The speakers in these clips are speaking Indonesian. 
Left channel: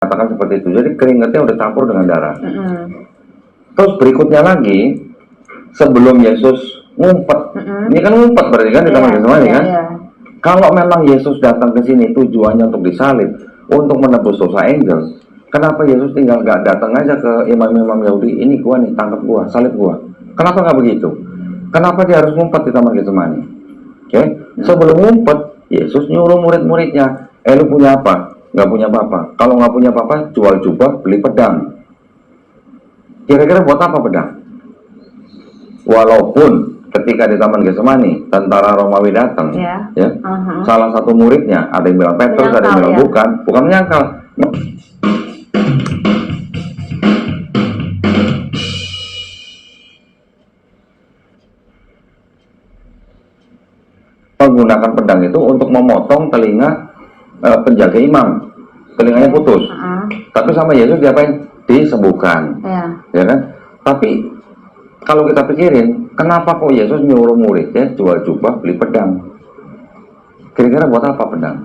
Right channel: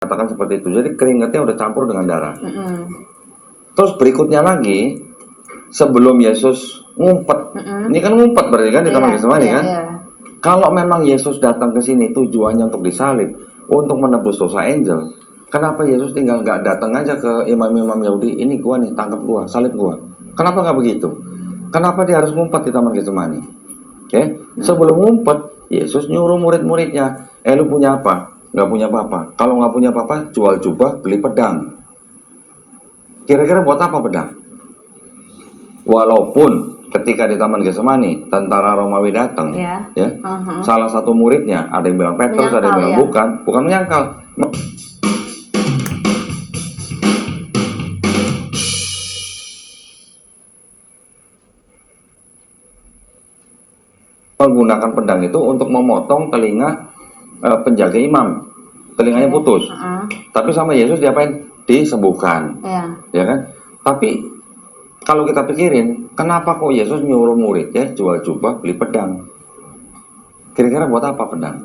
katakan seperti itu. Jadi keringatnya udah campur dengan darah. Terus berikutnya lagi, sebelum Yesus ngumpet, ini kan ngumpet berarti kan di Taman Getsemani kan? Kalau memang Yesus datang ke sini tujuannya untuk disalib, untuk menebus dosa angel, kenapa Yesus tinggal gak datang aja ke imam-imam Yahudi, ini gua nih, tangkap gua, salib gua? Kenapa nggak begitu? Kenapa dia harus ngumpet di Taman Getsemani? Sebelum ngumpet, Yesus nyuruh murid-muridnya, lu punya apa? Nggak punya apa-apa. Kalau nggak punya apa-apa, jual jubah, beli pedang. Kira-kira buat apa pedang? Walaupun ketika di Taman Getsemani tentara Romawi datang, salah satu muridnya, ada yang bilang Petrus, ada yang bilang bukan menyangkal. Menggunakan pedang itu untuk memotong telinga penjaga imam, telinganya putus. Tapi sama Yesus diapain? Disembuhkan, ya kan? Tapi kalau kita pikirin, kenapa kok Yesus nyuruh muridnya jual jubah beli pedang? Kira-kira buat apa pedang?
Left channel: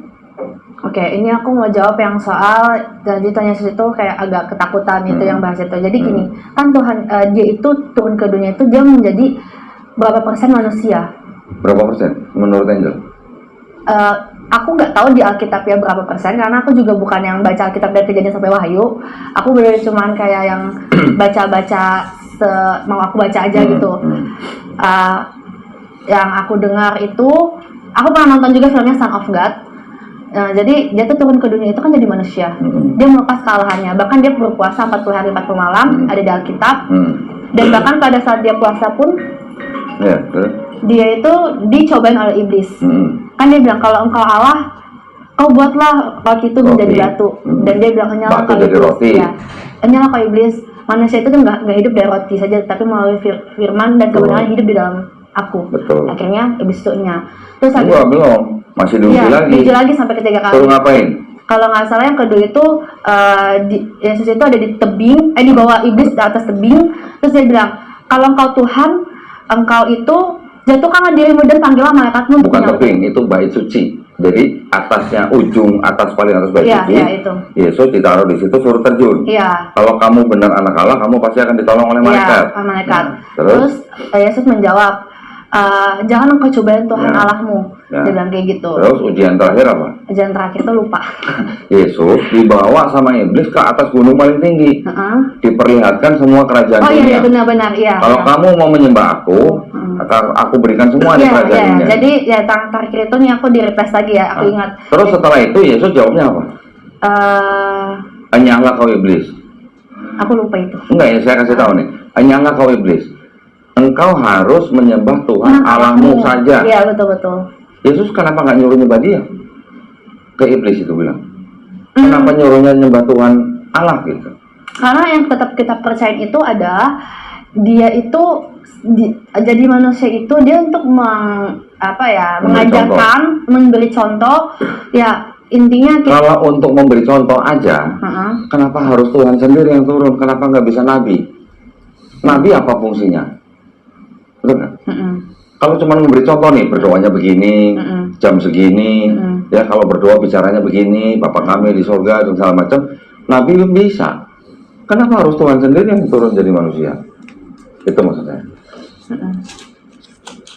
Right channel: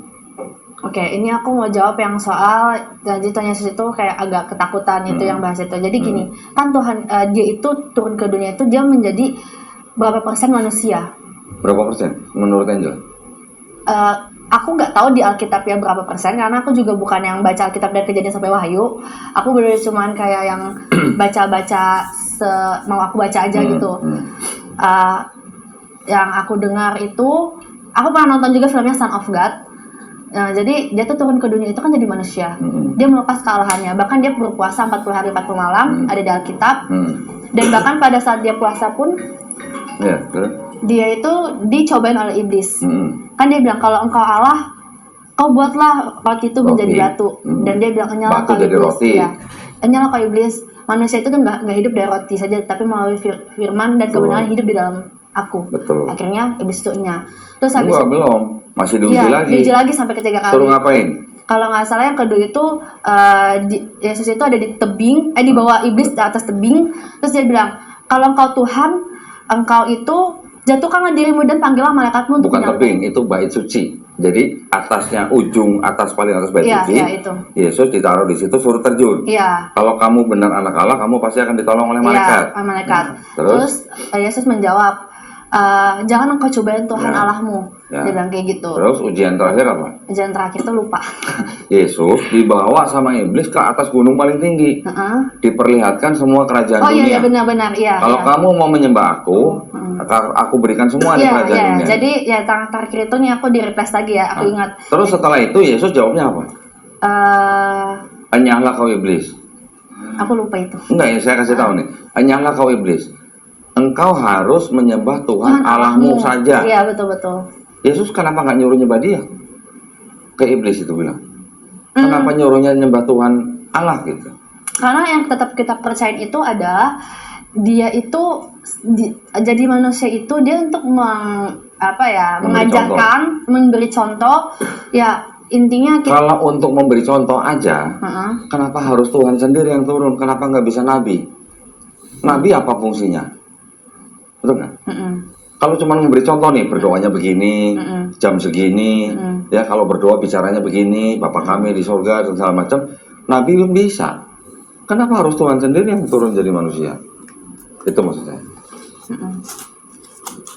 Oke, ini aku mau jawab yang soal jadi tanya Yesus itu kayak agak ketakutan itu yang bahas itu. Jadi gini, kan Tuhan dia itu turun ke dunia itu dia menjadi berapa persen manusia? Berapa persen menurut Angel? Aku nggak tahu di Alkitab ya berapa persen, karena aku juga bukan yang baca Alkitab dari Kejadian sampai Wahyu. Aku benar cuman kayak yang baca-baca mau aku baca aja gitu. Yang aku dengar itu, aku pernah nonton juga filmnya Son of God. Jadi dia tuh turun ke dunia itu kan jadi manusia. Dia melepas kesalahannya, bahkan dia berpuasa 40 hari 40 malam, ada di Alkitab. Dan bahkan pada saat dia puasa pun dia itu dicobain oleh iblis. Kan dia bilang, kalau engkau Allah, kau buatlah roti itu menjadi batu. Dan dia bilang, enyalah kau iblis. Enyalah kau iblis. Manusia itu kan nggak hidup dari roti saja, tapi melalui firman dan kebenaran hidup di dalam aku. Akhirnya iblis itu enyah. Terus habis belum, masih diuji lagi sampai ketiga kali. Suruh ngapain? Kalau nggak salah yang kedua itu Yesus itu ada di tebing, dibawa iblis di atas tebing. Terus dia bilang, kalau engkau Tuhan, engkau itu jatuhkanlah dirimu dan panggillah malaikatmu. Bukan tebing, itu bait suci. Jadi atasnya, paling atas bait suci. Itu. Yesus ditaruh di situ, suruh terjun. Kalau kamu benar anak Allah, kamu pasti akan ditolong oleh malaikat. Terus Yesus menjawab, jangan engkau cobain Tuhan Allahmu. Dia bilang kayak gitu. Terus ujian terakhir apa? Ujian terakhir itu lupa. Yesus dibawa sama iblis ke atas gunung paling tinggi. Diperlihatkan semua kerajaan dunia. Benar-benar. Kalau kamu mau menyembah aku berikan semua di kerajaan dunia. Jadi terakhir itu nih aku di-replace lagi ya, aku ingat. Terus setelah itu Yesus jawabnya apa? Enyahlah kau iblis. Aku lupa itu. Enggak ya, saya kasih tahu nih. Enyahlah kau iblis. Engkau harus menyembah Tuhan Allahmu saja. Iya, betul-betul. Yesus kenapa nggak nyuruh nyembah dia? Ke iblis itu bilang. Kenapa nyuruhnya nyembah Tuhan Allah gitu? Karena yang tetap kita percaya itu adalah dia itu jadi manusia itu dia untuk mengajarkan, memberi contoh. Ya intinya kalau untuk memberi contoh aja, kenapa harus Tuhan sendiri yang turun? Kenapa nggak bisa nabi? Nabi apa fungsinya? Betul kan? Kalau cuma memberi contoh nih, berdoanya begini, jam segini, ya kalau berdoa bicaranya begini, Bapa kami di surga dan segala macam, Nabi belum bisa. Kenapa harus Tuhan sendiri yang turun jadi manusia? Itu maksud saya.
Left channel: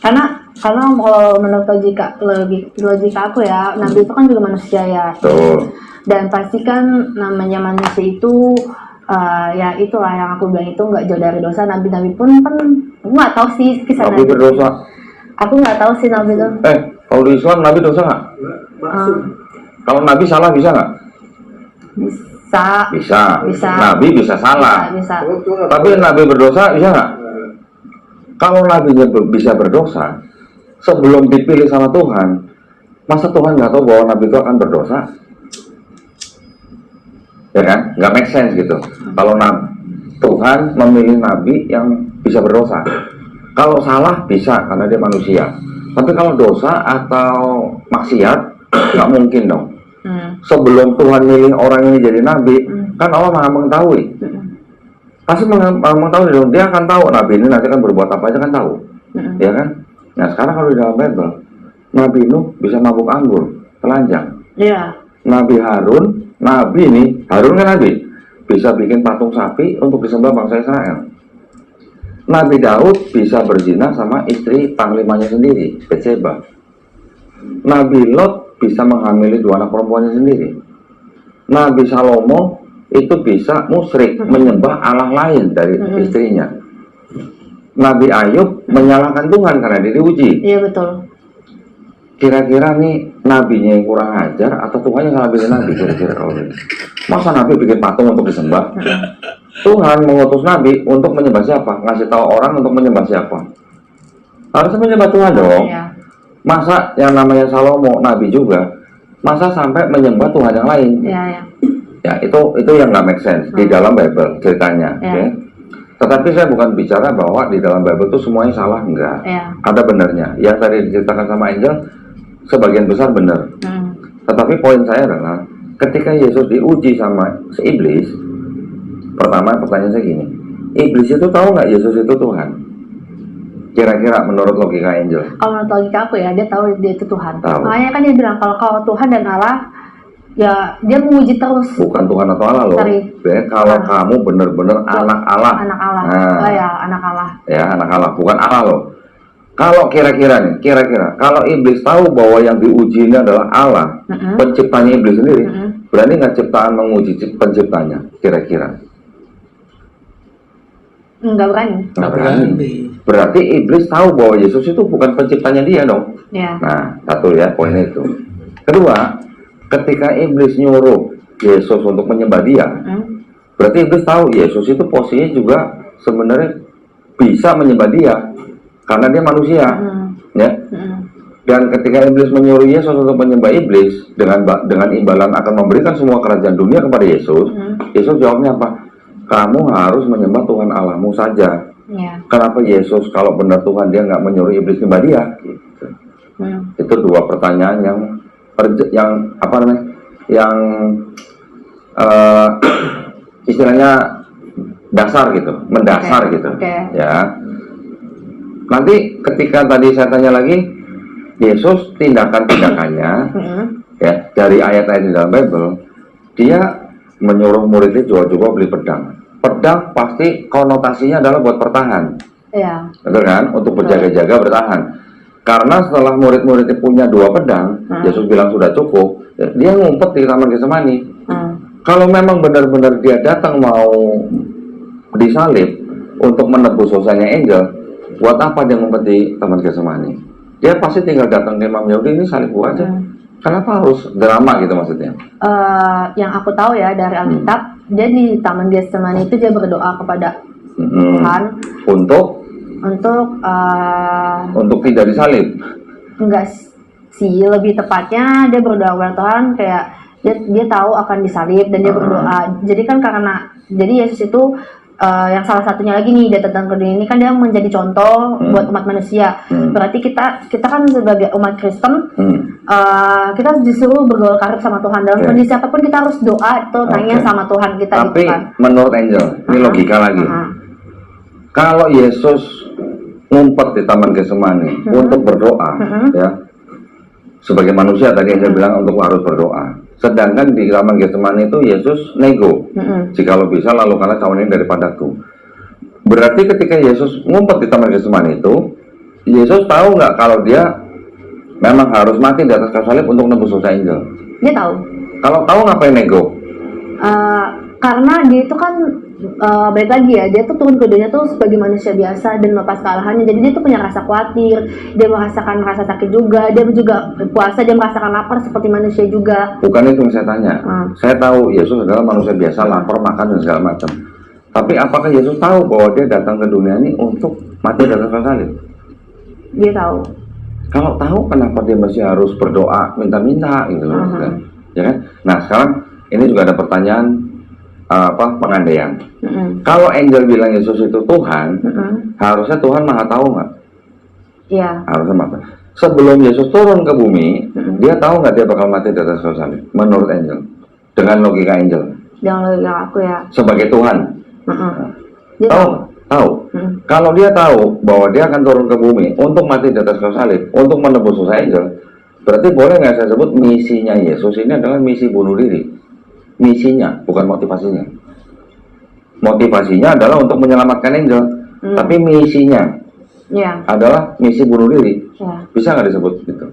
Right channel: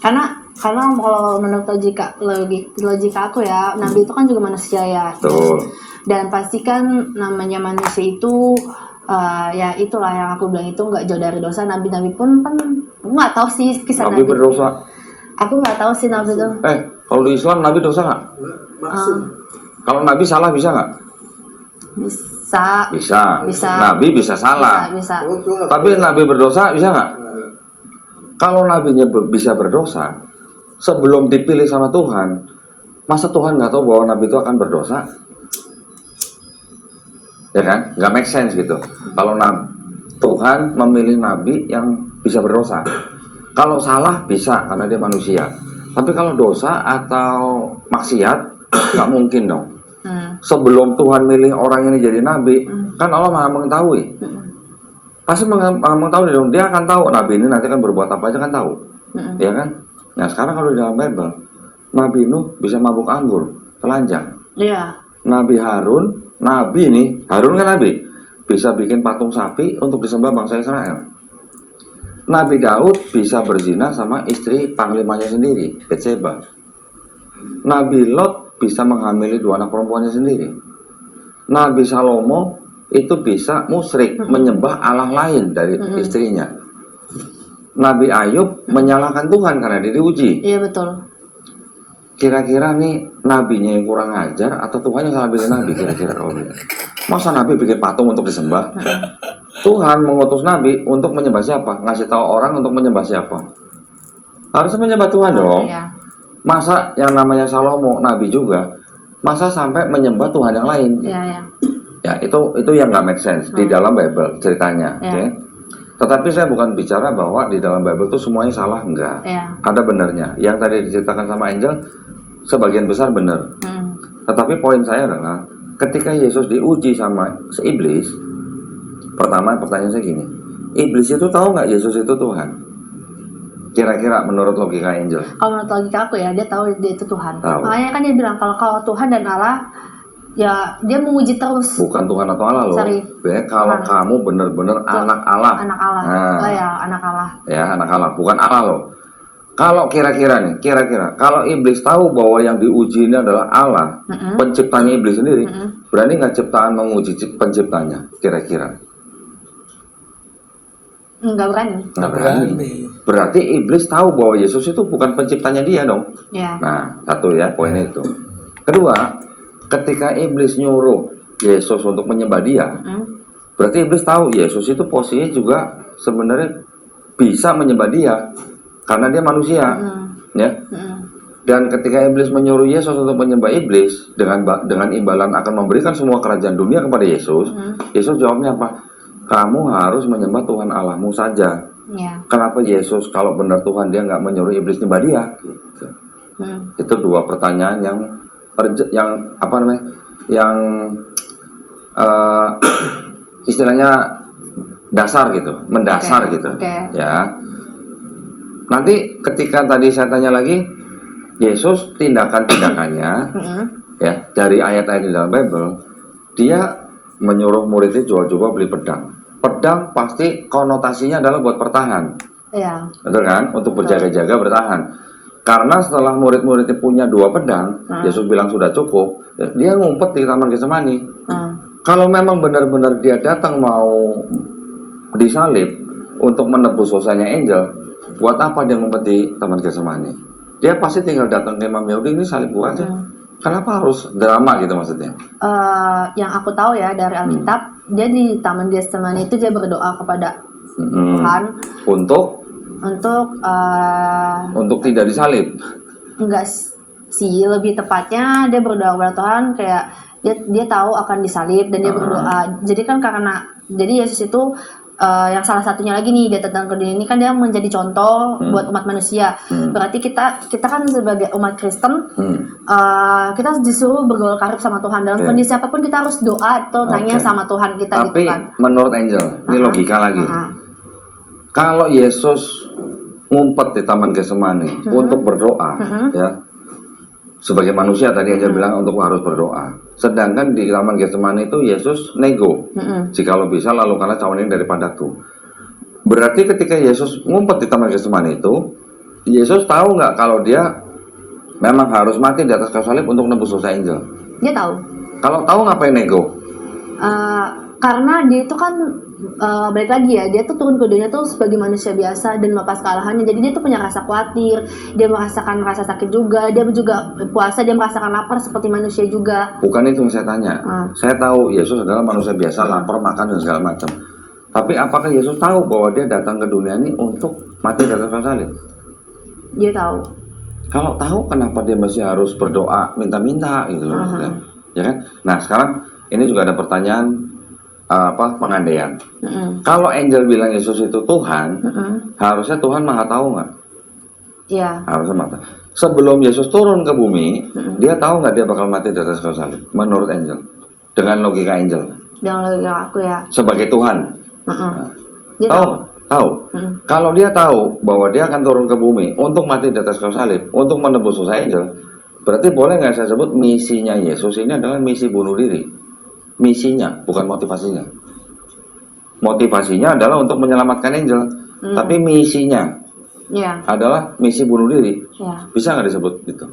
Karena kalau menurut logika aku ya, Nabi itu kan juga manusia ya. Dan pasti kan namanya manusia itu ya itulah yang aku bilang itu nggak jauh dari dosa. Nabi-nabi pun kan aku nggak tahu sih kisah Nabi berdosa. Aku nggak tahu sih Nabi itu. Kalau di Islam Nabi dosa nggak? Kalau Nabi salah bisa nggak? Bisa. Nabi bisa salah. Bisa. Tapi Nabi berdosa bisa nggak? Kalau Nabinya bisa berdosa, sebelum dipilih sama Tuhan, masa Tuhan nggak tahu bahwa Nabi itu akan berdosa? Ya kan? Nggak make sense gitu. Kalau Tuhan memilih Nabi yang bisa berdosa. Kalau salah bisa karena dia manusia. Tapi kalau dosa atau maksiat nggak mungkin dong. Sebelum Tuhan milih orang ini jadi nabi, kan Allah maha mengetahui. Pasti mengetahui dong. Dia akan tahu nabi ini nanti kan berbuat apa aja kan tahu. Ya kan? Nah sekarang kalau di dalam Bible, Nabi Nuh bisa mabuk anggur, telanjang. Iya. Nabi Harun Nabi nih, Harun kan nabi, bisa bikin patung sapi untuk disembah bangsa Israel. Nabi Daud bisa berzina sama istri panglimanya sendiri, Betseba. Nabi Lot bisa menghamili 2 anak perempuannya sendiri. Nabi Salomo itu bisa musyrik, menyembah Allah lain dari istrinya. Nabi Ayub menyalahkan Tuhan karena dia diuji. Iya betul. Kira-kira nih nabinya yang kurang ajar atau Tuhan yang salah pilih nabi kira-kira? Masa nabi bikin patung untuk disembah? Tuhan mengutus nabi untuk menyembah siapa? Ngasih tahu orang untuk menyembah siapa? Harusnya menyembah Tuhan dong. Iya. Masa yang namanya Salomo nabi juga, masa sampai menyembah Tuhan yang lain? Iya, iya. Ya itu yang nggak make sense di dalam Bible ceritanya. Iya. Okay? Tetapi saya bukan bicara bahwa di dalam Bible itu semuanya salah, enggak. Iya. Ada benarnya. Yang tadi diceritakan sama Angel sebagian besar benar. Tetapi poin saya adalah ketika Yesus diuji sama si iblis, pertama pertanyaan saya gini, iblis itu tahu nggak Yesus itu Tuhan? Kira-kira menurut logika Angel? Kalau menurut logika aku ya, dia tahu dia itu Tuhan. Tahu. Makanya kan dia bilang kalau Tuhan dan Allah, ya dia menguji terus. Bukan Tuhan atau Allah loh. Kalau kamu benar-benar anak Allah. Anak Allah. Nah, Oh ya, anak Allah. Ya, anak Allah, bukan Allah loh. Kalau kira-kira kalau iblis tahu bahwa yang diuji ini adalah Allah, penciptanya iblis sendiri, berani nggak ciptaan menguji penciptanya? Kira-kira? Nggak berani. Nggak berani. Berarti iblis tahu bahwa Yesus itu bukan penciptanya dia dong. Ya. Nah, satu ya poinnya itu. Kedua, ketika iblis nyuruh Yesus untuk menyembah dia, berarti iblis tahu Yesus itu posisinya juga sebenarnya bisa menyembah dia. Karena dia manusia, ya. Dan ketika iblis menyuruh Yesus untuk menyembah iblis dengan imbalan akan memberikan semua kerajaan dunia kepada Yesus, Yesus jawabnya apa? Kamu harus menyembah Tuhan Allahmu saja. Ya. Kenapa Yesus kalau benar Tuhan dia nggak menyuruh iblis menyembah dia? Gitu. Itu 2 pertanyaan yang apa namanya? Yang istilahnya dasar gitu, mendasar gitu, ya. Nanti ketika tadi saya tanya lagi, Yesus tindakan-tindakannya ya dari ayat-ayat di dalam Bible, dia menyuruh muridnya jual-jual beli pedang. Pedang pasti konotasinya adalah buat bertahan. Iya. Betul kan? Untuk berjaga-jaga bertahan. Karena setelah murid-muridnya punya 2 pedang, Yesus bilang sudah cukup, dia ngumpet di Taman Getsemani. Kalau memang benar-benar dia datang mau disalib untuk menebus dosanya Angel, buat apa dia ngumpet di Taman Getsemani? Dia pasti tinggal datang ke Imam Yahudi, ini salib gua aja. Kenapa harus drama gitu maksudnya? Yang aku tahu ya dari Alkitab, dia di Taman Getsemani itu dia berdoa kepada Tuhan untuk tidak disalib. Enggak sih, lebih tepatnya dia berdoa kepada Tuhan kayak dia tahu akan disalib dan dia berdoa. Jadi kan jadi Yesus itu yang salah satunya lagi nih dia datang ke dunia ini kan dia menjadi contoh buat umat manusia. Berarti kita kan sebagai umat Kristen kita disuruh bergaul karib sama Tuhan dalam kondisi apapun kita harus doa atau tanya sama Tuhan kita. Tapi gitu kan. Menurut Angel ini logika lagi. Kalau Yesus ngumpet di Taman Getsemani untuk berdoa, ya sebagai manusia tadi Angel bilang untuk harus berdoa. Sedangkan di Taman Getsemani itu Yesus nego, jikalau bisa lalu karena cawan ini daripadaku. Berarti ketika Yesus ngumpet di Taman Getsemani itu, Yesus tahu nggak kalau dia memang harus mati di atas kayu salib untuk nebus dosa Angel? Dia tahu. Kalau tahu ngapain nego? Karena dia itu kan balik lagi ya, dia tuh turun ke dunia tuh sebagai manusia biasa dan melepas kesalahannya. Jadi dia tuh punya rasa khawatir, dia merasakan rasa sakit juga, dia juga puasa, dia merasakan lapar seperti manusia juga. Bukan itu yang saya tanya. Saya tahu Yesus adalah manusia biasa, lapar, makan dan segala macam. Tapi apakah Yesus tahu bahwa dia datang ke dunia ini untuk mati di atas kayu salib? Dia tahu. Kalau tahu kenapa dia masih harus berdoa minta-minta gitu loh, ya kan? Nah sekarang ini juga ada pertanyaan pengandaian. Kalau Angel bilang Yesus itu Tuhan, harusnya Tuhan maha tahu nggak? Iya. Harusnya maha tahu. Sebelum Yesus turun ke bumi, dia tahu nggak dia bakal mati di atas kayu salib? Menurut Angel, dengan logika Angel. Dengan logika aku ya. Sebagai Tuhan. Dia tahu. Kalau dia tahu bahwa dia akan turun ke bumi untuk mati di atas kayu salib, untuk menebus dosa Angel, berarti boleh nggak saya sebut misinya Yesus ini adalah misi bunuh diri? misinya, bukan motivasinya. Motivasinya adalah untuk menyelamatkan angel, tapi misinya adalah misi bunuh diri. Bisa nggak disebut itu?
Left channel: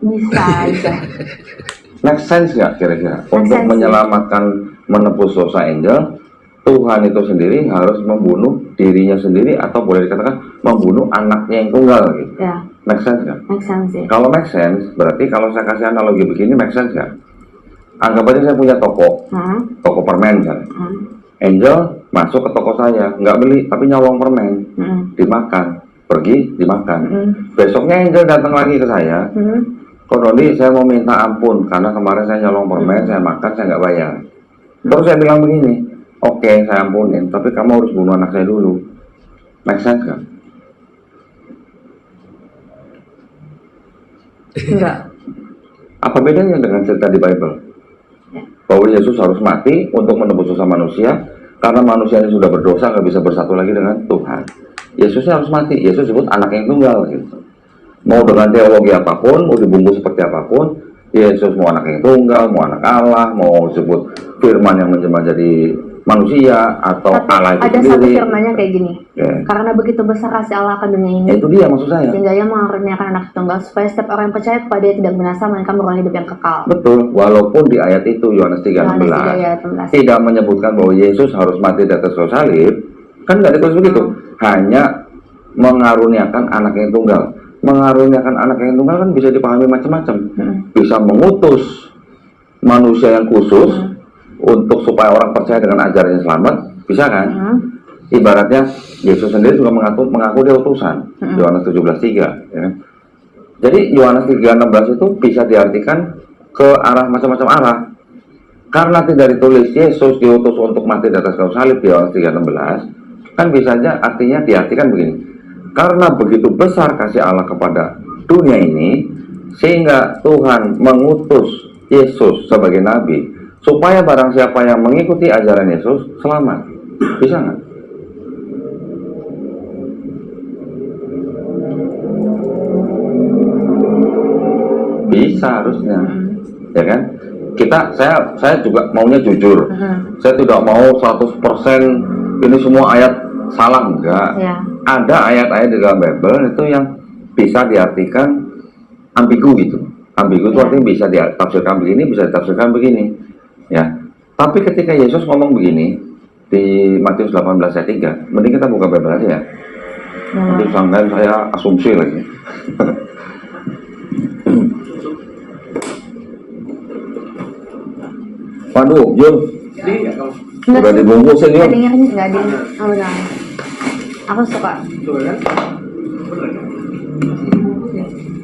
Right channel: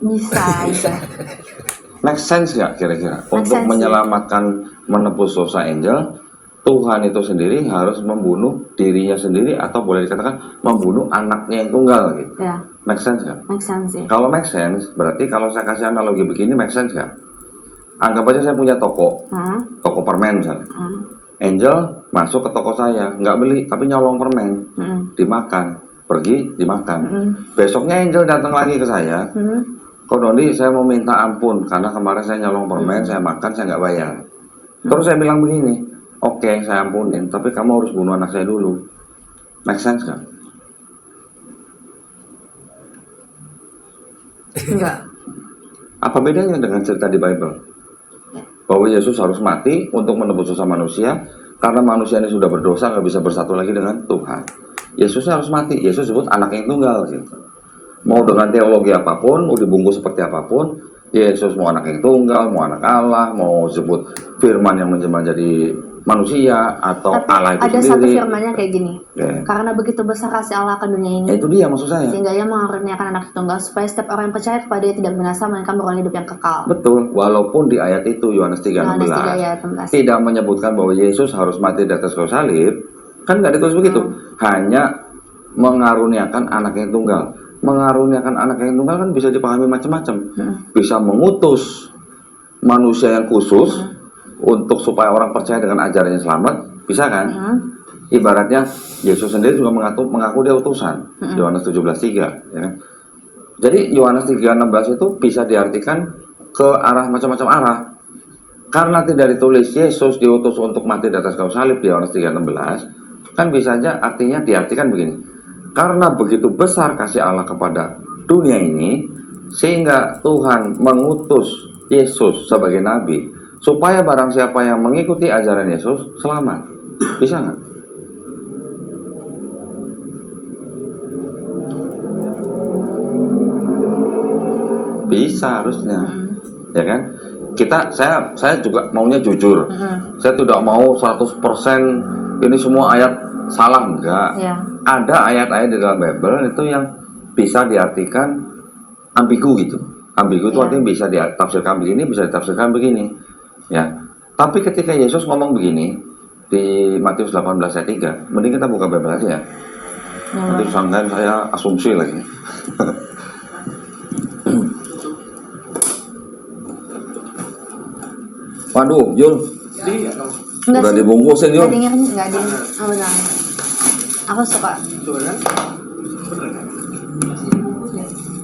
Bisa aja. Make sense nggak kira-kira? Untuk menyelamatkan, menebus dosa angel, Tuhan itu sendiri harus membunuh dirinya sendiri, atau boleh dikatakan membunuh anaknya yang tunggal gitu. Make sense nggak? Make sense ya. Kalau make sense, berarti kalau saya kasih analogi begini, make sense nggak? Anggap aja saya punya toko, toko permen misalnya. Angel masuk ke toko saya, nggak beli, tapi nyolong permen, dimakan, pergi, dimakan. Besoknya Angel datang lagi ke saya, Kok Doni, saya mau minta ampun, karena kemarin saya nyolong permen, saya makan, saya nggak bayar. Terus saya bilang begini, oke, saya ampunin, tapi kamu harus bunuh anak saya dulu. Make sense kan? Enggak. Apa bedanya dengan cerita di Bible? Bahwa Yesus harus mati untuk menebus dosa manusia, karena manusia ini sudah berdosa, nggak bisa bersatu lagi dengan Tuhan. Yesusnya harus mati. Yesus sebut anak yang tunggal gitu. Mau dengan teologi apapun, mau dibungkus seperti apapun, Yesus mau anak yang tunggal, mau anak Allah, mau disebut firman yang menjelma jadi manusia, atau Tapi Allah itu ada sendiri. satu firmannya kayak gini, karena begitu besar kasih Allah akan dunia ini, itu dia maksud saya, sehingga ia mengaruniakan anak tunggal, supaya setiap orang yang percaya kepada dia tidak binasa, melainkan beroleh hidup yang kekal. Betul, walaupun di ayat itu Yohanes 3:16 tidak menyebutkan bahwa Yesus harus mati di atas kayu salib, kan nggak ditulis begitu, hanya mengaruniakan anak yang tunggal. Mengaruniakan anak yang tunggal kan bisa dipahami macam-macam, bisa mengutus manusia yang khusus untuk supaya orang percaya dengan ajarannya selamat, bisa kan? Ibaratnya Yesus sendiri juga mengaku dia utusan, Yohanes 17:3, ya. Jadi Yohanes 3:16 itu bisa diartikan ke arah macam-macam arah. Karena tidak ditulis Yesus diutus untuk mati di atas kayu salib di Yohanes 3:16, kan bisa aja artinya diartikan begini. Karena begitu besar kasih Allah kepada dunia ini, sehingga Tuhan mengutus Yesus sebagai nabi, supaya barang siapa yang mengikuti ajaran Yesus selamat. Bisa nggak? Bisa harusnya, ya kan? Saya juga maunya jujur. Saya tidak mau 100% ini semua ayat salah, enggak. Ada ayat-ayat di dalam Bible itu yang bisa diartikan ambigu gitu. Ambigu itu artinya bisa ditafsirkan begini, bisa ditafsirkan begini, ya. Tapi ketika Yesus ngomong begini di Matius 18 ayat 3, mending kita buka Bible aja ya. Nanti sangkain saya asumsi lagi. Waduh, Yul, udah dibungkusin Yul. Enggak ada. Oh, enggak. Aku suka.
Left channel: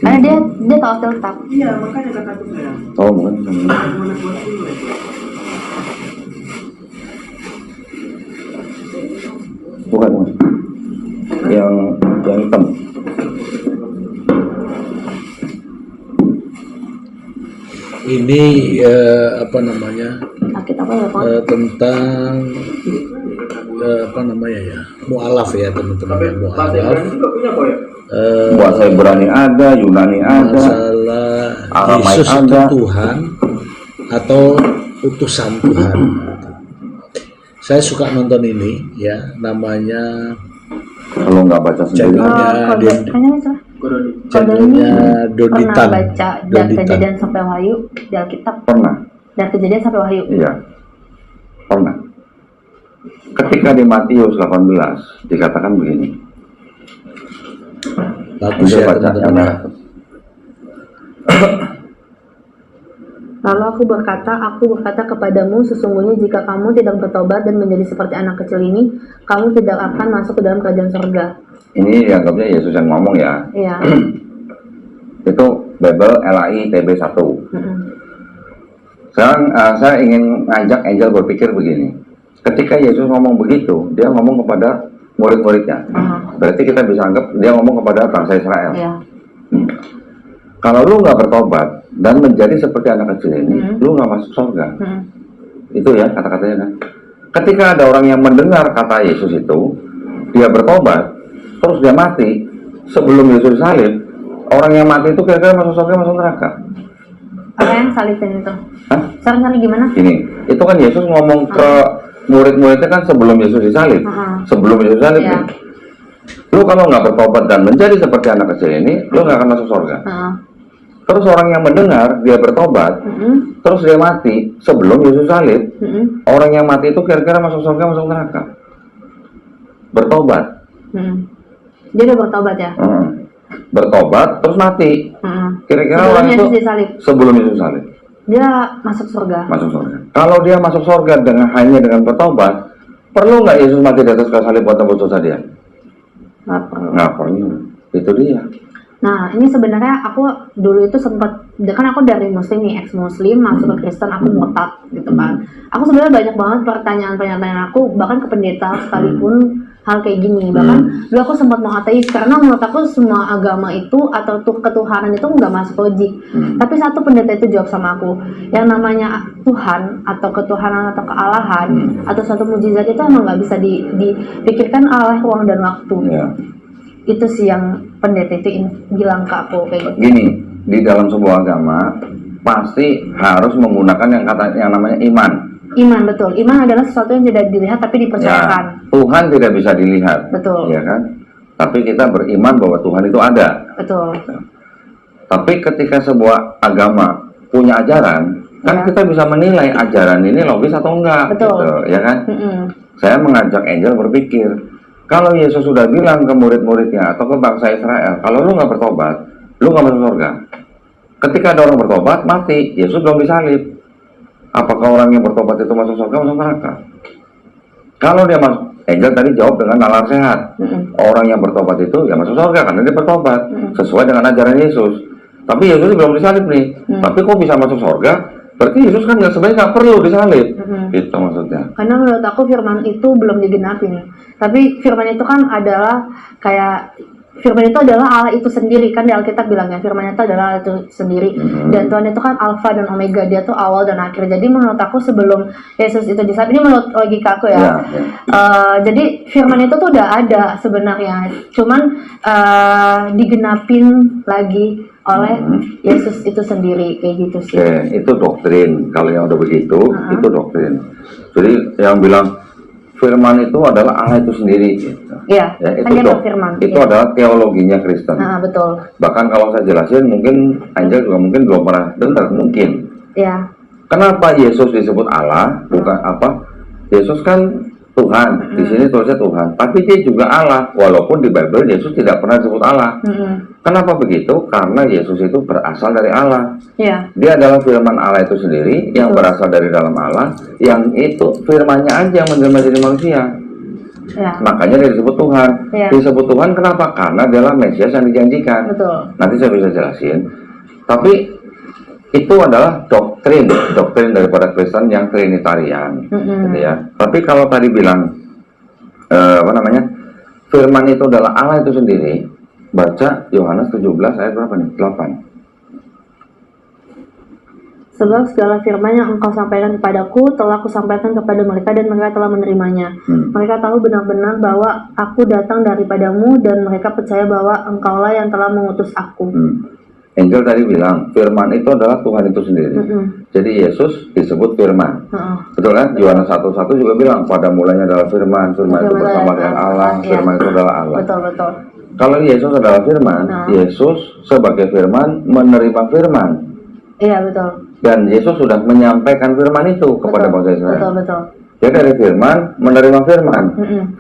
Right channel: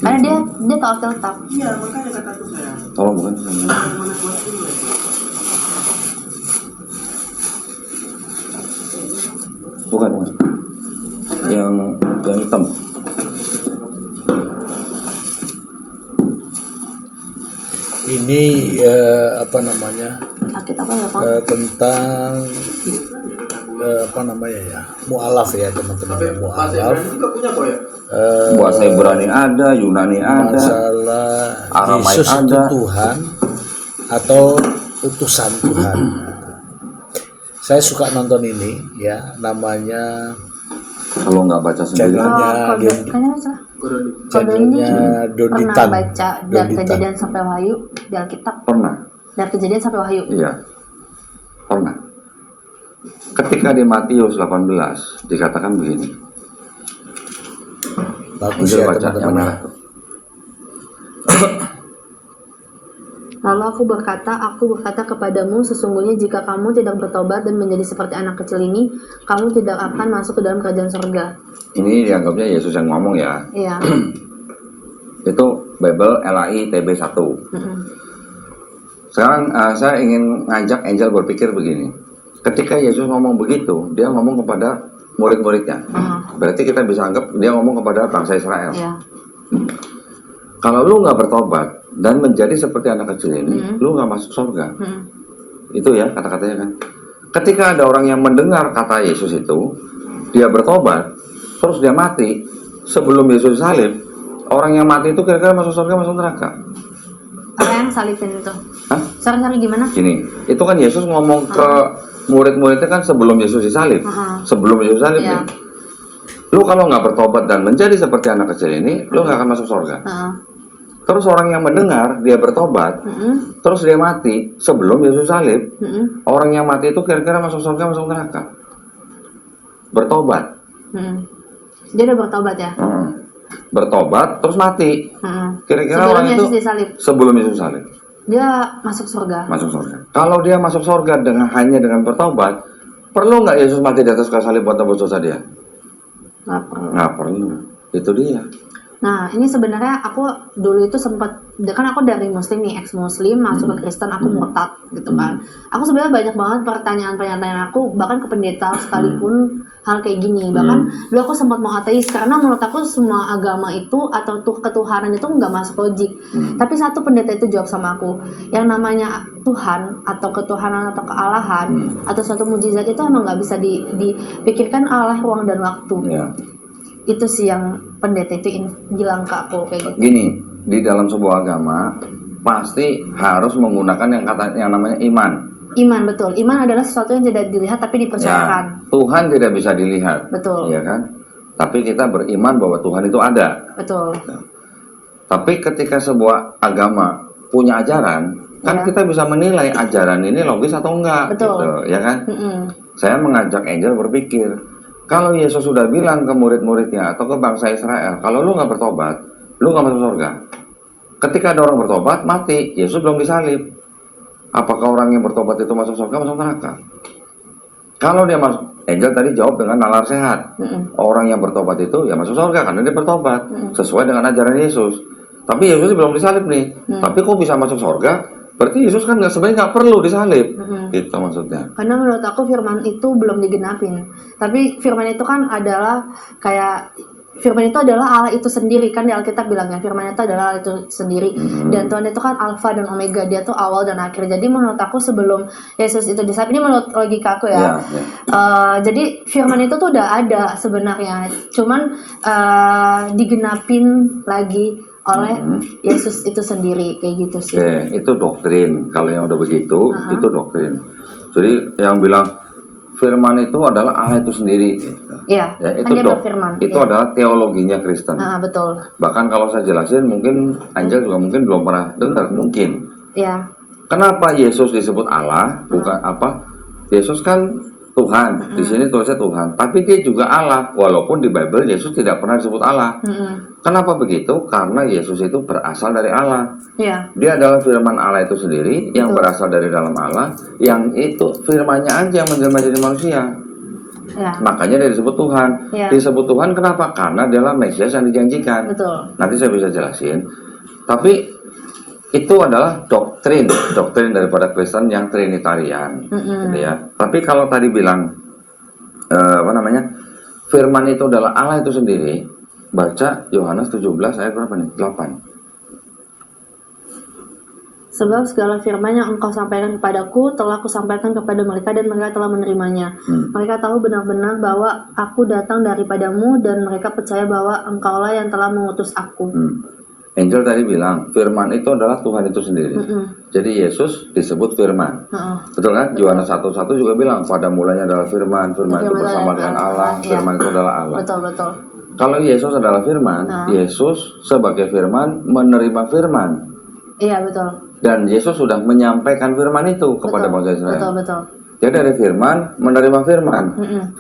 Karena dia tahu tetap. Iya, makanya kataku saya. Oh, bukan. Bukan. Yang hitam. Ini apa namanya? Sakit apa ya, Pak? Tentang apa namanya ya? Mu'alaf ya, teman-teman. Mu'alaf. Bahasa Ibrani ada, Yunani ada. Masalah Aramaik Yesus itu ada. Tuhan atau utusan Tuhan. Saya suka nonton ini ya, namanya Kalau nggak baca sendiri. channelnya Pernah Donitan. baca dari Kejadian sampai Wahyu di Alkitab. Pernah. Dari Kejadian sampai Wahyu. Iya. Pernah. Ketika di Matius 18 dikatakan begini. Bagus Bisa ya baca yang teman-teman. merah. Lalu aku berkata kepadamu, sesungguhnya jika kamu tidak bertobat dan menjadi seperti anak kecil ini, kamu tidak akan masuk ke dalam kerajaan surga. Ini dianggapnya Yesus yang ngomong ya. Iya. Itu Bible LAI TB 1. Sekarang saya ingin ngajak Angel berpikir begini. Ketika Yesus ngomong begitu, dia ngomong kepada murid-muridnya. Berarti kita bisa anggap dia ngomong kepada bangsa Israel. Iya. Kalau lu nggak bertobat dan menjadi seperti anak kecil ini, lu nggak masuk surga. Itu ya kata-katanya kan. Ketika ada orang yang mendengar kata Yesus itu, dia bertobat, terus dia mati sebelum Yesus disalib, orang yang mati itu kira-kira masuk surga, masuk neraka. Apa yang salibin itu? Hah? Sorry gimana? Gini, itu kan Yesus ngomong ke murid-muridnya kan sebelum Yesus disalib. Sebelum Yesus salib Iya. nih. Lu kalau nggak bertobat dan menjadi seperti anak kecil ini, lu nggak akan masuk surga. Terus orang yang mendengar, dia bertobat, terus dia mati sebelum Yesus salib. Orang yang mati itu kira-kira masuk surga, masuk neraka. Bertobat. Dia udah bertobat ya? Bertobat, terus mati. Kira-kira Sebelum orang itu Yesus disalib, sebelum Yesus salib. dia masuk surga. Masuk surga. Kalau dia masuk surga hanya dengan bertobat, perlu nggak Yesus mati di atas kayu salib buat tembus dosa dia? Nggak perlu. Itu dia. Nah, ini sebenarnya aku dulu itu sempat, kan aku dari muslim nih, ex-muslim, masuk ke Kristen, aku murtad gitu kan. Aku sebenarnya banyak banget pertanyaan-pertanyaan aku, bahkan ke pendeta sekalipun hal kayak gini. Bahkan dulu aku sempat mau ateis, karena menurut aku semua agama itu, atau ketuhanan itu nggak masuk logik. Tapi satu pendeta itu jawab sama aku, yang namanya Tuhan, atau ketuhanan, atau kealahan, atau suatu mujizat itu emang nggak bisa dipikirkan oleh ruang dan waktu. Ya. Itu sih yang pendeta itu bilang ke aku kayak gitu. Gini, di dalam sebuah agama pasti harus menggunakan yang namanya iman. Iman, betul. Iman adalah sesuatu yang tidak dilihat tapi dipercayakan. Ya, Tuhan tidak bisa dilihat. Betul. Ya kan? Tapi kita beriman bahwa Tuhan itu ada. Betul. Tapi ketika sebuah agama punya ajaran, kan kita bisa menilai ajaran ini logis atau enggak. Betul. Gitu, ya kan? Saya mengajak Angel berpikir, kalau Yesus sudah bilang ke murid-muridnya atau ke bangsa Israel, kalau lu nggak bertobat, lu nggak masuk surga. Ketika ada orang bertobat, mati, Yesus belum disalib. Apakah orang yang bertobat itu masuk surga, masuk neraka? Kalau dia masuk, Angel tadi jawab dengan nalar sehat. Orang yang bertobat itu ya masuk surga karena dia bertobat sesuai dengan ajaran Yesus. Tapi Yesus belum disalib nih. Tapi kok bisa masuk surga? Berarti Yesus kan sebenarnya nggak perlu disalib. Itu maksudnya. Karena menurut aku firman itu belum digenapin. Tapi firman itu kan adalah kayak, firman itu adalah Allah itu sendiri, kan di Alkitab bilangnya firman itu adalah Allah itu sendiri. Dan Tuhan itu kan Alfa dan Omega, dia tuh awal dan akhir. Jadi menurut aku sebelum Yesus itu disalib, ini menurut logika aku ya. Jadi firman itu tuh udah ada sebenarnya, cuman digenapin lagi oleh Yesus itu sendiri, kayak gitu sih. Itu doktrin. Kalau yang udah begitu, itu doktrin. Jadi yang bilang firman itu adalah Allah itu sendiri. Gitu. Iya, Ya, kan dia berfirman. Itu adalah teologinya Kristen. Betul. Bahkan kalau saya jelasin, mungkin Angel juga mungkin belum pernah dengar, mungkin. Iya. Kenapa Yesus disebut Allah? Bukan apa? Yesus kan Tuhan. Di sini tulisnya Tuhan. Tapi dia juga Allah. Walaupun di Bible Yesus tidak pernah disebut Allah. Kenapa begitu? Karena Yesus itu berasal dari Allah. Iya. Dia adalah firman Allah itu sendiri yang berasal dari dalam Allah, yang itu firmannya aja yang menjelma jadi manusia. Ya. Makanya dia disebut Tuhan. Ya. Disebut Tuhan kenapa? Karena dia adalah Mesias yang dijanjikan. Betul. Nanti saya bisa jelasin. Tapi itu adalah doktrin daripada Kristen yang Trinitarian, gitu ya. Tapi kalau tadi bilang firman itu adalah Allah itu sendiri, baca Yohanes 17 ayat berapa nih? 8. Sebab segala firman yang engkau sampaikan kepadaku telah kusampaikan kepada mereka dan mereka telah menerimanya. Mereka tahu benar-benar bahwa aku datang daripadamu dan mereka percaya bahwa engkaulah yang telah mengutus aku. Angel tadi bilang firman itu adalah Tuhan itu sendiri. Jadi Yesus disebut firman. Betul kan? Yohanes 1:1 juga bilang pada mulanya adalah firman itu bersama dengan Allah, firman itu adalah Allah. Betul. Kalau Yesus adalah firman, Yesus sebagai firman menerima firman. Iya, betul. Dan Yesus sudah menyampaikan firman itu kepada bangsa Israel. Betul. Jadi dari firman menerima firman.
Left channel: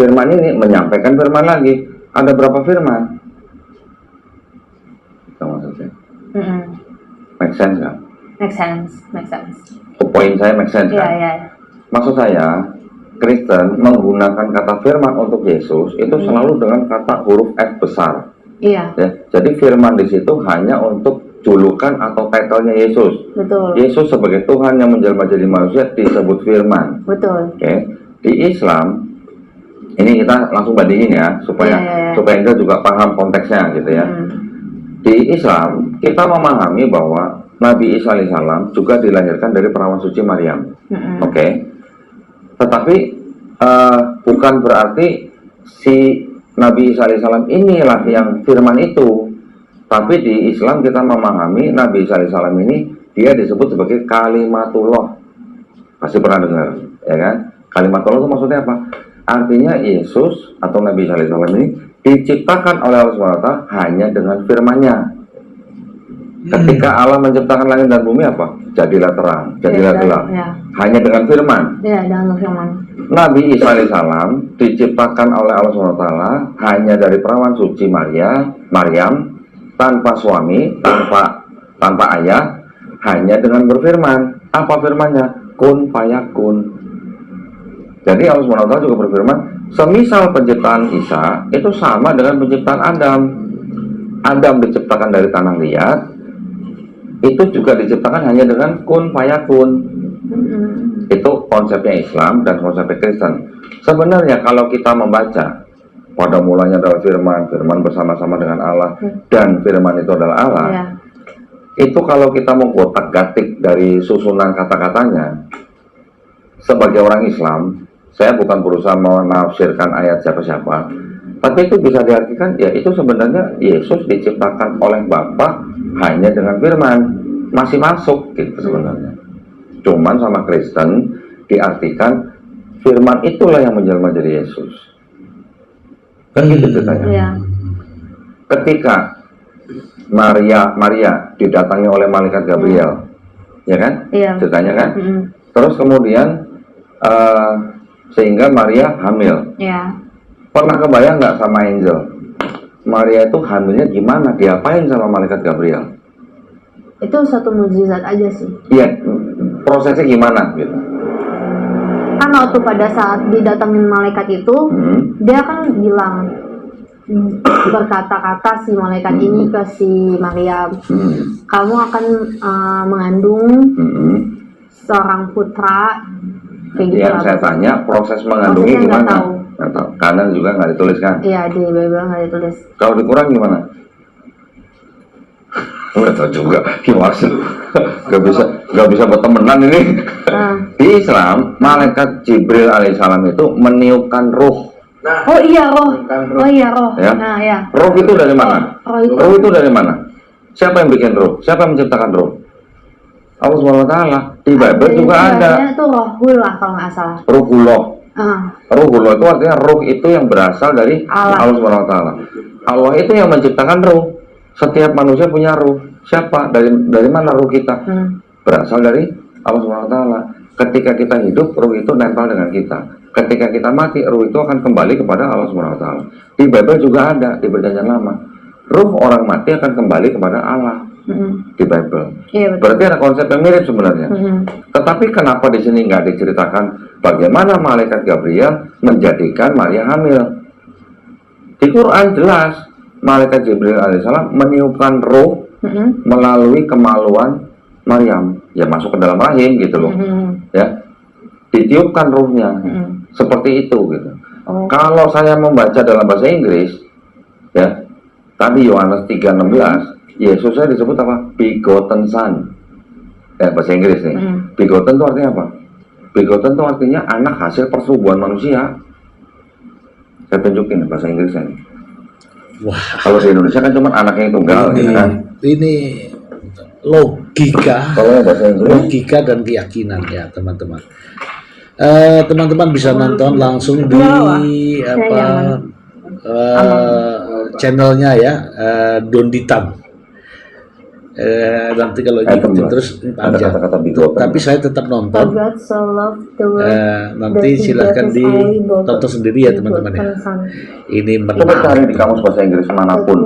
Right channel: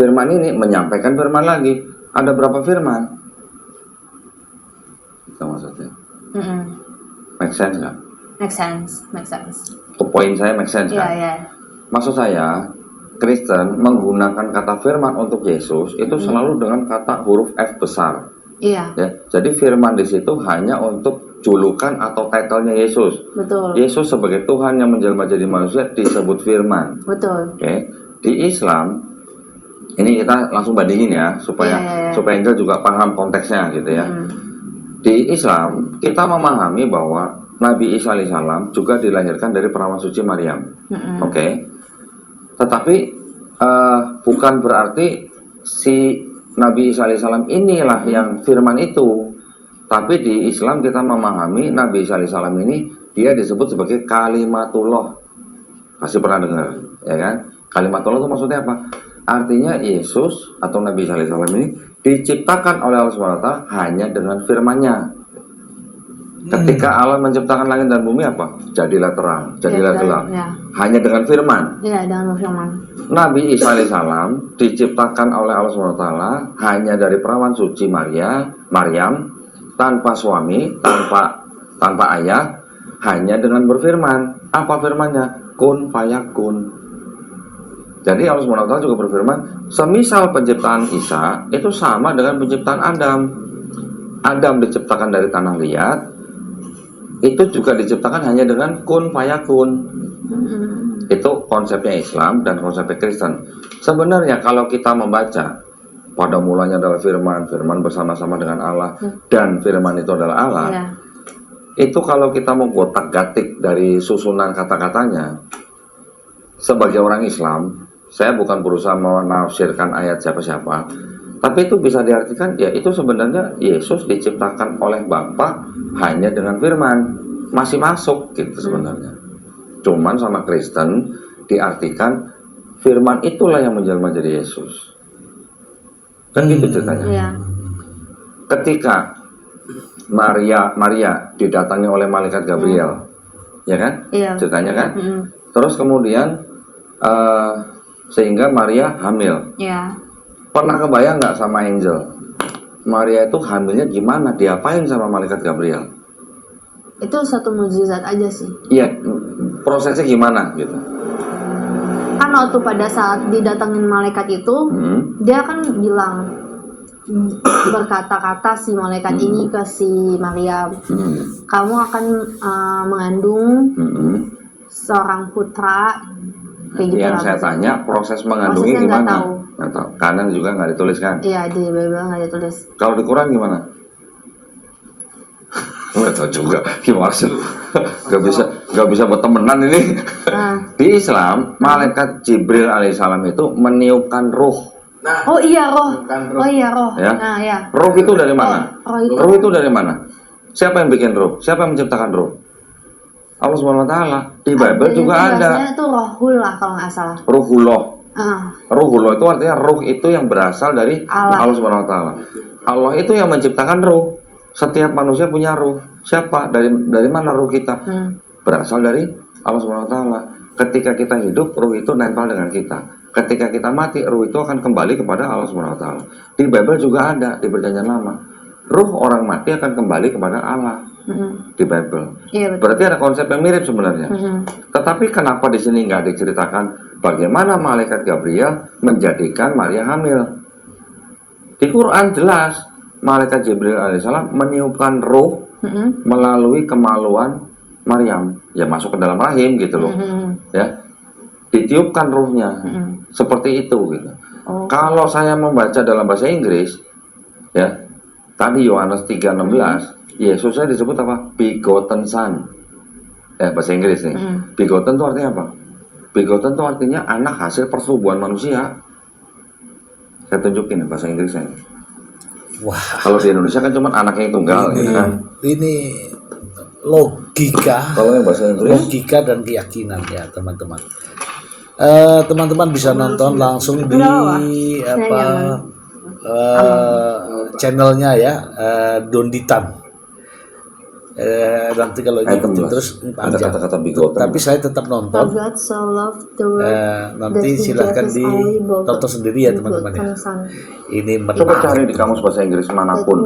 Firman ini menyampaikan firman lagi. Ada berapa firman? Itu maksudnya. Make sense kan? Make sense. Poin saya make sense kan? Iya. Maksud saya, Kristen menggunakan kata firman untuk Yesus itu selalu dengan kata huruf F besar. Iya. Ya, jadi firman di situ hanya untuk julukan atau title-nya Yesus. Betul. Yesus sebagai Tuhan yang menjelma jadi manusia disebut firman. Betul. Oke. Di Islam ini kita langsung bandingin ya supaya Anda juga paham konteksnya gitu ya. Di Islam kita memahami bahwa Nabi Isa alaihissalam juga dilahirkan dari perawan suci Maryam. Oke. Tetapi bukan berarti si Nabi Isa alaihissalam inilah yang firman itu. Tapi di Islam kita memahami Nabi Isa alaihissalam ini dia disebut sebagai kalimatullah. Pasti pernah dengar, ya kan? Kalimatullah itu maksudnya apa? Artinya Yesus atau Nabi Sallallahu Alaihi Wasallam ini diciptakan oleh Allah SWT hanya dengan firman-Nya. Ketika Allah menciptakan langit dan bumi apa? Jadilah terang, jadilah gelap. Ya. Hanya dengan firman. Iya, dengan firman. Nabi Isa alaihissalam diciptakan oleh Allah SWT hanya dari perawan suci Maryam, tanpa suami, tanpa ayah, hanya dengan berfirman. Apa firmannya? Kun fayakun. Jadi Allah SWT juga berfirman, semisal penciptaan Isa itu sama dengan penciptaan Adam. Adam diciptakan dari tanah liat, itu juga diciptakan hanya dengan kun fayakun. Itu konsepnya Islam dan konsepnya Kristen. Sebenarnya kalau kita membaca, pada mulanya adalah firman bersama-sama dengan Allah, dan firman itu adalah Allah. Itu kalau kita mau gotak-gatik dari susunan kata-katanya, sebagai orang Islam, saya bukan berusaha menafsirkan ayat siapa-siapa, tapi itu bisa diartikan, ya itu sebenarnya Yesus diciptakan oleh Bapa hanya dengan firman, masih masuk gitu sebenarnya. Cuman sama Kristen diartikan firman itulah yang menjelma jadi Yesus. Kan gitu ceritanya. Iya. Ketika Maria didatangi oleh malaikat Gabriel, ya kan? Iya. Ceritanya kan? Terus kemudian sehingga Maria hamil. Iya. Pernah kebayang nggak sama angel? Maria itu hamilnya gimana? Diapain sama malaikat Gabriel? Itu satu mukjizat aja sih. Iya, prosesnya gimana gitu? Kan waktu pada saat didatengin malaikat itu, dia kan bilang, berkata-kata si malaikat ini ke si Maryam, kamu akan mengandung seorang putra. Kayak gitu. Yang saya tanya, proses mengandungnya Prosesnya gimana? nggak tahu. Nggak tahu. Kanan juga nggak dituliskan. Iya, di Bible nggak ditulis. Kalau di Quran gimana? Nggak tahu juga gimana sih. Nggak bisa bertemenan ini. Di Islam, malaikat Jibril alaihissalam itu meniupkan ruh. Oh iya roh. Oh iya roh. Ya. Nah ya. Ruh itu dari mana? Roh Ruh itu dari mana? Siapa yang bikin ruh? Siapa yang menciptakan ruh? Allah SWT. Di Bible juga ada. Itu rohullah kalau nggak salah. Ruhullah. Ah. Ruhullah itu artinya ruh itu yang berasal dari Allah SWT. Allah itu yang menciptakan ruh. Setiap manusia punya ruh. Siapa? Dari mana ruh kita? Berasal dari Allah SWT. Ketika kita hidup, ruh itu nempel dengan kita. Ketika kita mati, ruh itu akan kembali kepada Allah SWT. Di Bible juga ada, di Perjanjian Lama. Ruh orang mati akan kembali kepada Allah. Di Bible. Iya, betul. Berarti ada konsep yang mirip sebenarnya. Tetapi kenapa di sini nggak diceritakan bagaimana malaikat Gabriel menjadikan Maria hamil? Di Quran jelas, malaikat Jibril alaihissalam meniupkan roh melalui kemaluan Maryam, ya masuk ke dalam rahim gitu loh, ya ditiupkan rohnya, seperti itu gitu. Kalau saya membaca dalam bahasa Inggris, ya tadi Yohanes 3:16, Yesus saya disebut apa? Begotten Son. Bahasa Inggris nih. Begotten itu artinya apa? Begotten itu artinya anak hasil persetubuhan manusia. Saya tunjukin bahasa Inggrisnya. Wah. Kalau di Indonesia kan cuma anaknya yang tunggal, gitu kan? Ini logika, Kalau bahasa Inggris, logika dan keyakinan ya teman-teman. Teman-teman bisa nonton langsung di channelnya ya, Donditan. Nanti kalau ngikutin terus ada panjang. kata-kata bigotan. Tapi saya tetap nonton. God so loved the world. Nanti silahkan ditonton sendiri ya teman-teman ya. Ini Coba menarik. cari di kamus bahasa Inggris manapun.